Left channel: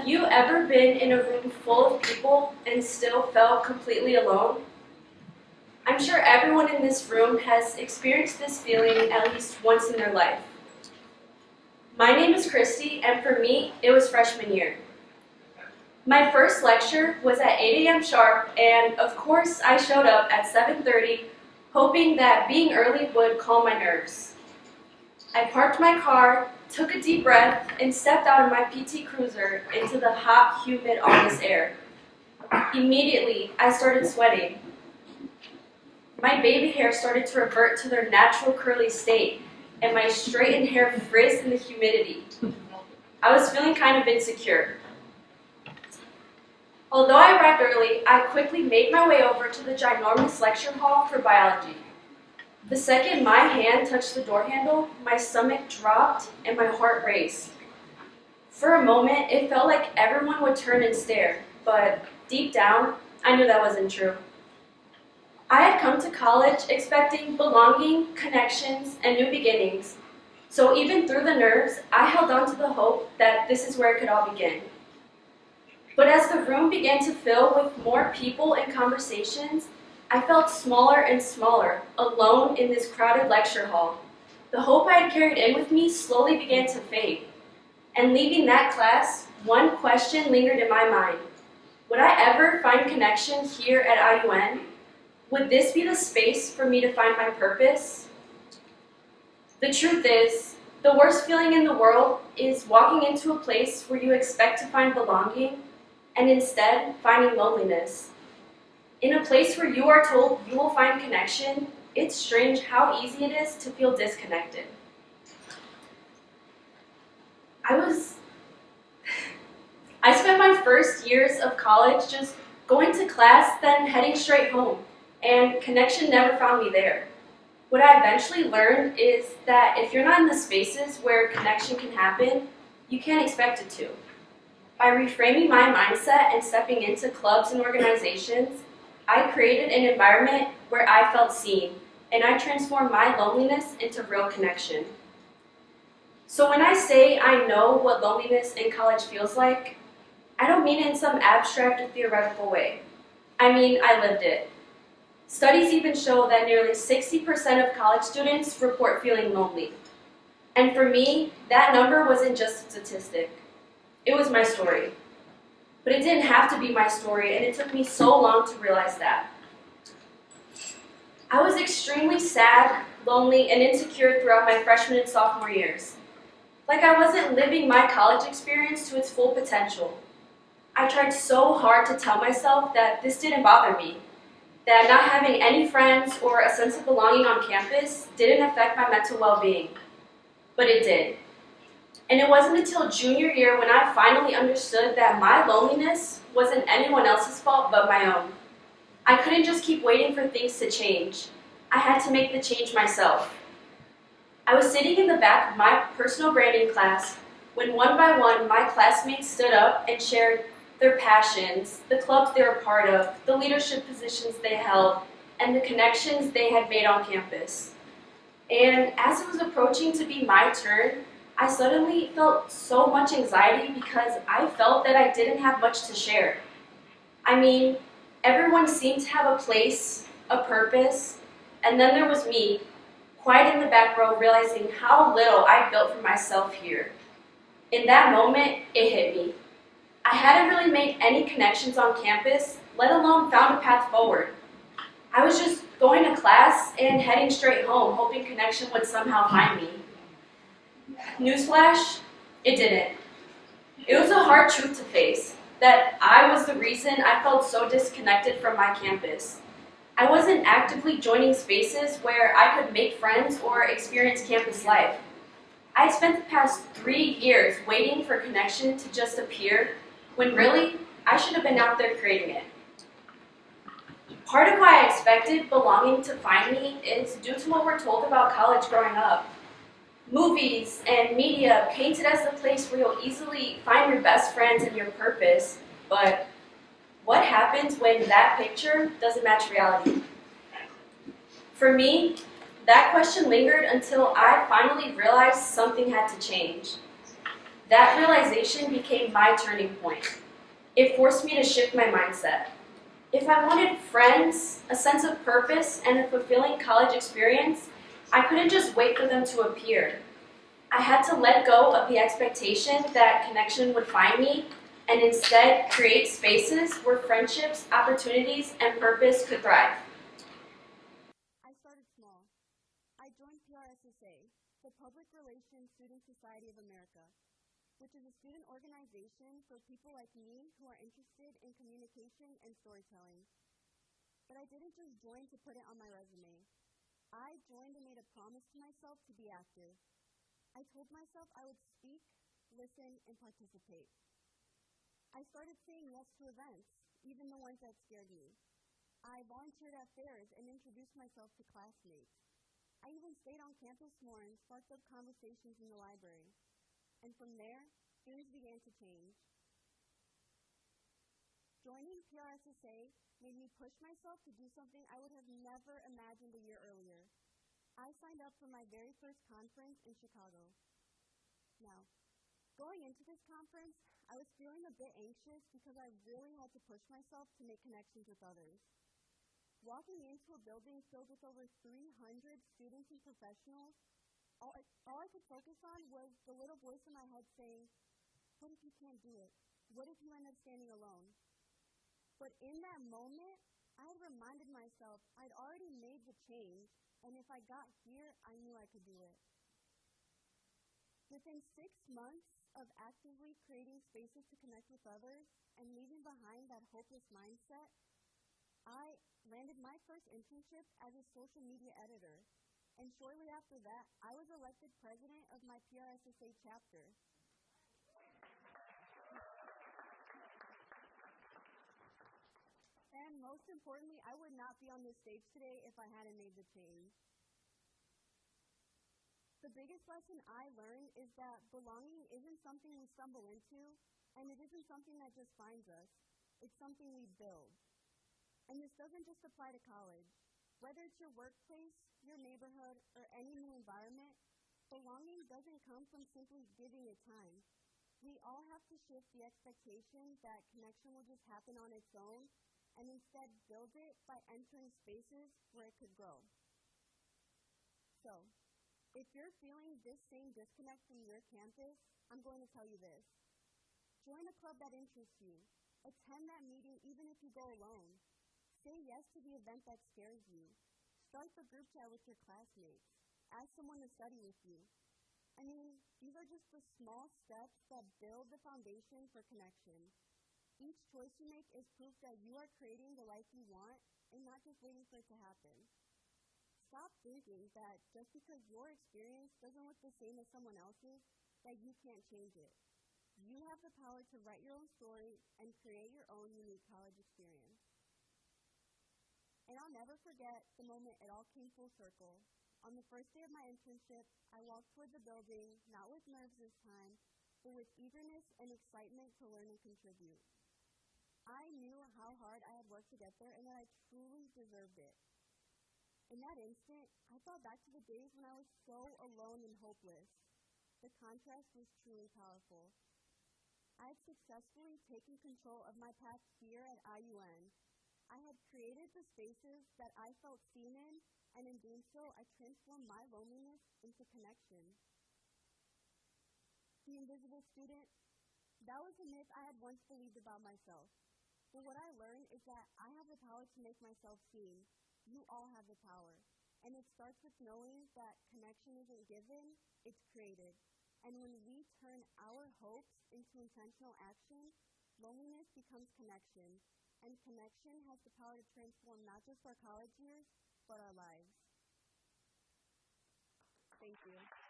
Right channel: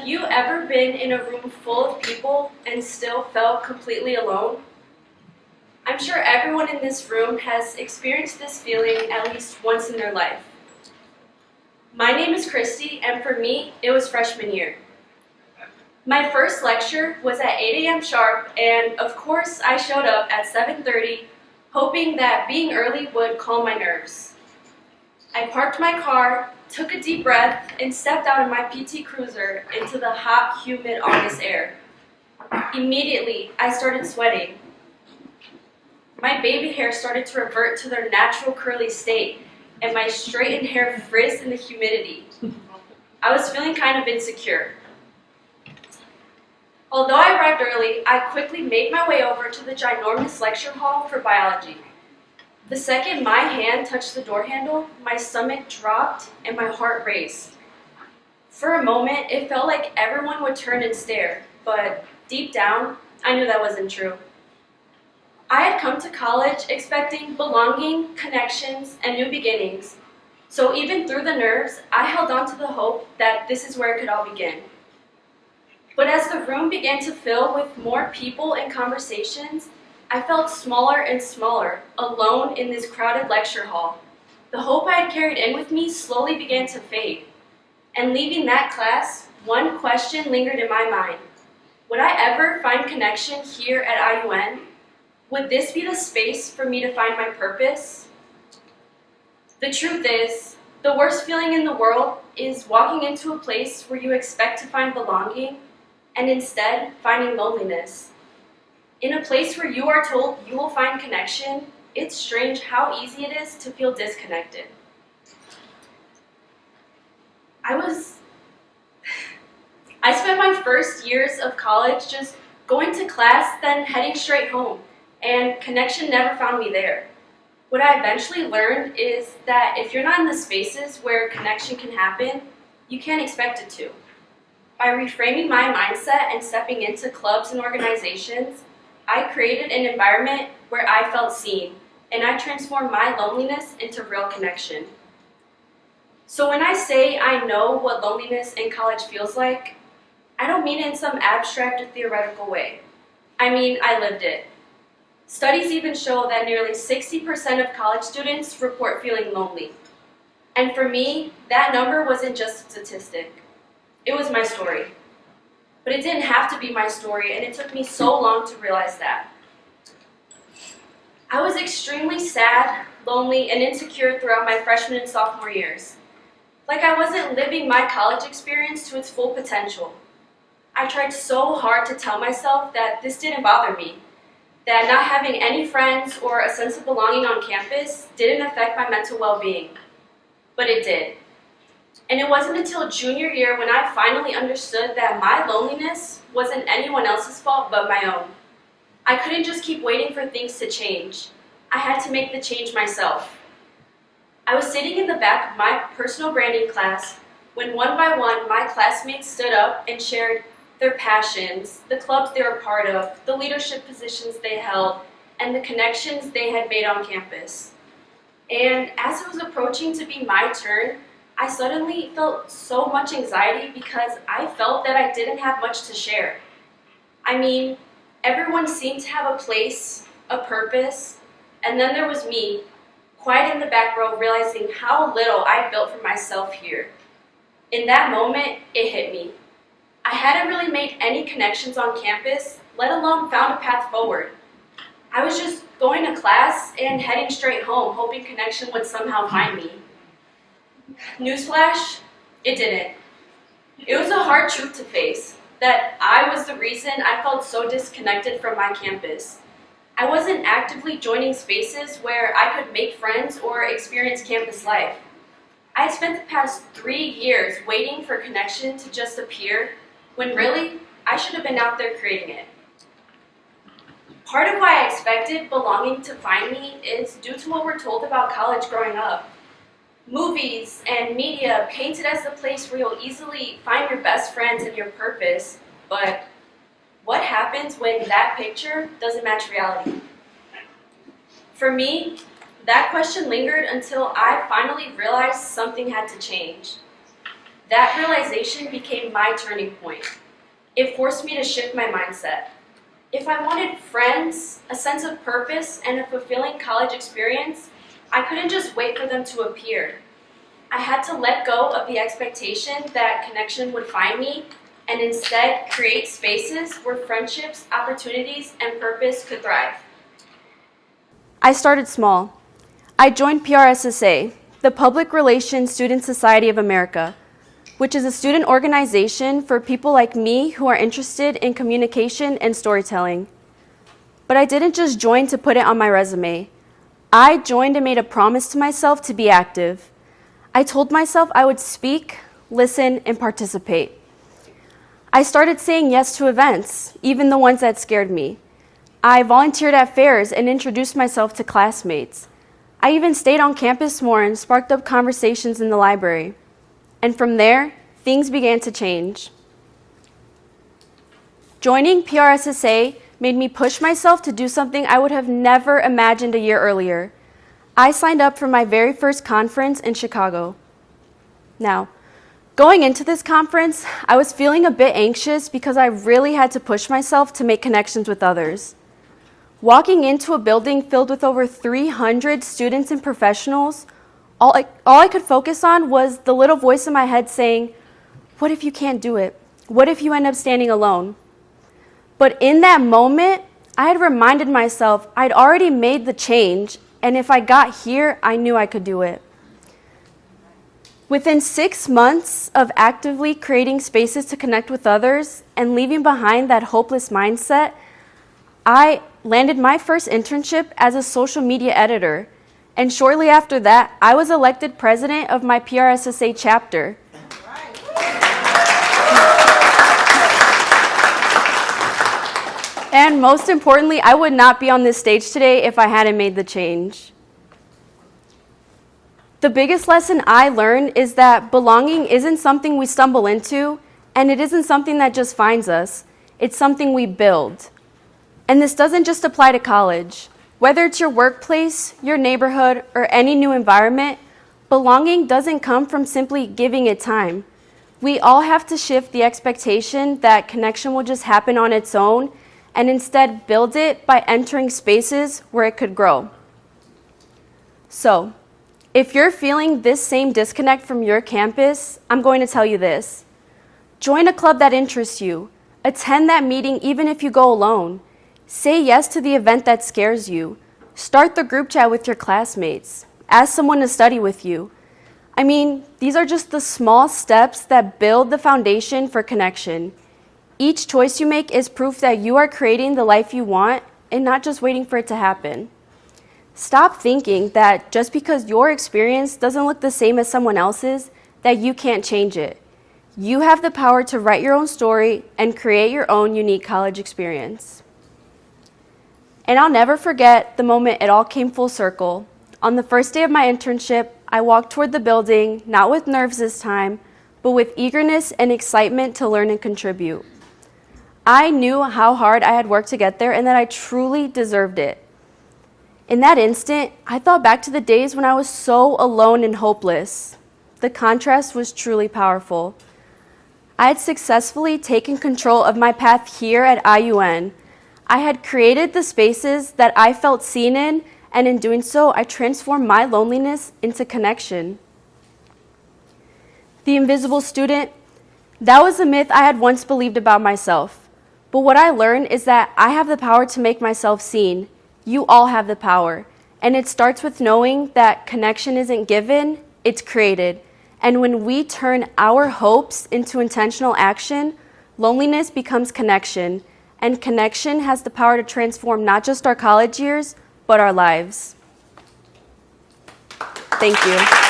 Have you ever been in a room full of people and still felt completely alone? I'm sure everyone in this room has experienced this feeling at least once in their life. My name is Kristy, and for me, it was freshman year. My first lecture was at 8 a.m. sharp, and of course I showed up at 7:30, hoping that being early would calm my nerves. I parked my car, took a deep breath, and stepped out of my PT Cruiser into the hot, humid August air. Immediately, I started sweating. My baby hair started to revert to their natural curly state, and my straightened hair frizzed in the humidity. I was feeling kind of insecure. Although I arrived early, I quickly made my way over to the ginormous lecture hall for biology. The second my hand touched the door handle, my stomach dropped and my heart raced. For a moment, it felt like everyone would turn and stare, but deep down, I knew that wasn't true. I had come to college expecting belonging, connections, and new beginnings. So even through the nerves, I held on to the hope that this is where it could all begin. But as the room began to fill with more people and conversations, I felt smaller and smaller, alone in this crowded lecture hall. The hope I had carried in with me slowly began to fade. And leaving that class, one question lingered in my mind. Would I ever find connection here at IUN? Would this be the space for me to find my purpose? The truth is, the worst feeling in the world is walking into a place where you expect to find belonging, and instead finding loneliness. In a place where you are told you will find connection, it's strange how easy it is to feel disconnected. I spent my first years of college just going to class, then heading straight home, and connection never found me there. What I eventually learned is that if you're not in the spaces where connection can happen, you can't expect it to. By reframing my mindset and stepping into clubs and organizations, I created an environment where I felt seen, and I transformed my loneliness into real connection. So when I say I know what loneliness in college feels like, I don't mean it in some abstract or theoretical way. I mean, I lived it. Studies even show that nearly 60% of college students report feeling lonely. And for me, that number wasn't just a statistic. It was my story. But it didn't have to be my story, and it took me so long to realize that. I was extremely sad, lonely, and insecure throughout my freshman and sophomore years. Like I wasn't living my college experience to its full potential. I tried so hard to tell myself that this didn't bother me, that not having any friends or a sense of belonging on campus didn't affect my mental well-being. But it did. And it wasn't until junior year when I finally understood that my loneliness wasn't anyone else's fault but my own. I couldn't just keep waiting for things to change. I had to make the change myself. I was sitting in the back of my personal branding class when one by one my classmates stood up and shared their passions, the clubs they were part of, the leadership positions they held, and the connections they had made on campus. And as it was approaching to be my turn, I suddenly felt so much anxiety because I felt that I didn't have much to share. I mean, everyone seemed to have a place, a purpose, and then there was me, quiet in the back row, realizing how little I built for myself here. In that moment, it hit me. I hadn't really made any connections on campus, let alone found a path forward. I was just going to class and heading straight home, hoping connection would somehow find me. Newsflash, it didn't. It was a hard truth to face, that I was the reason I felt so disconnected from my campus. I wasn't actively joining spaces where I could make friends or experience campus life. I had spent the past 3 years waiting for connection to just appear, when really, I should have been out there creating it. Part of why I expected belonging to find me is due to what we're told about college growing up. Movies and media paint it as the place where you'll easily find your best friends and your purpose, but what happens when that picture doesn't match reality? For me, that question lingered until I finally realized something had to change. That realization became my turning point. It forced me to shift my mindset. If I wanted friends, a sense of purpose, and a fulfilling college experience, I couldn't just wait for them to appear. I had to let go of the expectation that connection would find me and instead create spaces where friendships, opportunities, and purpose could thrive. I started small. I joined PRSSA, the Public Relations Student Society of America, which is a student organization for people like me who are interested in communication and storytelling. But I didn't just join to put it on my resume. I joined and made a promise to myself to be active. I told myself I would speak, listen, and participate. I started saying yes to events, even the ones that scared me. I volunteered at fairs and introduced myself to classmates. I even stayed on campus more and sparked up conversations in the library. And from there, things began to change. Joining PRSSA made me push myself to do something I would have never imagined a year earlier. I signed up for my very first conference in Chicago. Now, going into this conference, I was feeling a bit anxious because I really had to push myself to make connections with others. Walking into a building filled with over 300 students and professionals, all I could focus on was the little voice in my head saying, "What if you can't do it? What if you end up standing alone?" But in that moment, I had reminded myself I'd already made the change, and if I got here, I knew I could do it. Within 6 months of actively creating spaces to connect with others and leaving behind that hopeless mindset, I landed my first internship as a social media editor. And shortly after that, I was elected president of my PRSSA chapter. And most importantly, I would not be on this stage today if I hadn't made the change. The biggest lesson I learned is that belonging isn't something we stumble into, and it isn't something that just finds us. It's something we build. And this doesn't just apply to college. Whether it's your workplace, your neighborhood, or any new environment, belonging doesn't come from simply giving it time. We all have to shift the expectation that connection will just happen on its own and instead build it by entering spaces where it could grow. So, if you're feeling this same disconnect from your campus, I'm going to tell you this. Join a club that interests you. Attend that meeting even if you go alone. Say yes to the event that scares you. Start the group chat with your classmates. Ask someone to study with you. I mean, these are just the small steps that build the foundation for connection. Each choice you make is proof that you are creating the life you want and not just waiting for it to happen. Stop thinking that just because your experience doesn't look the same as someone else's, that you can't change it. You have the power to write your own story and create your own unique college experience. And I'll never forget the moment it all came full circle. On the first day of my internship, I walked toward the building, not with nerves this time, but with eagerness and excitement to learn and contribute. I knew how hard I had worked to get there and that I truly deserved it. In that instant, I thought back to the days when I was so alone and hopeless. The contrast was truly powerful. I had successfully taken control of my path here at IUN. I had created the spaces that I felt seen in, and in doing so, I transformed my loneliness into connection. The invisible student, that was a myth I had once believed about myself. But what I learned is that I have the power to make myself seen. You all have the power. And it starts with knowing that connection isn't given, it's created. And when we turn our hopes into intentional action, loneliness becomes connection. And connection has the power to transform not just our college years, but our lives. Thank you.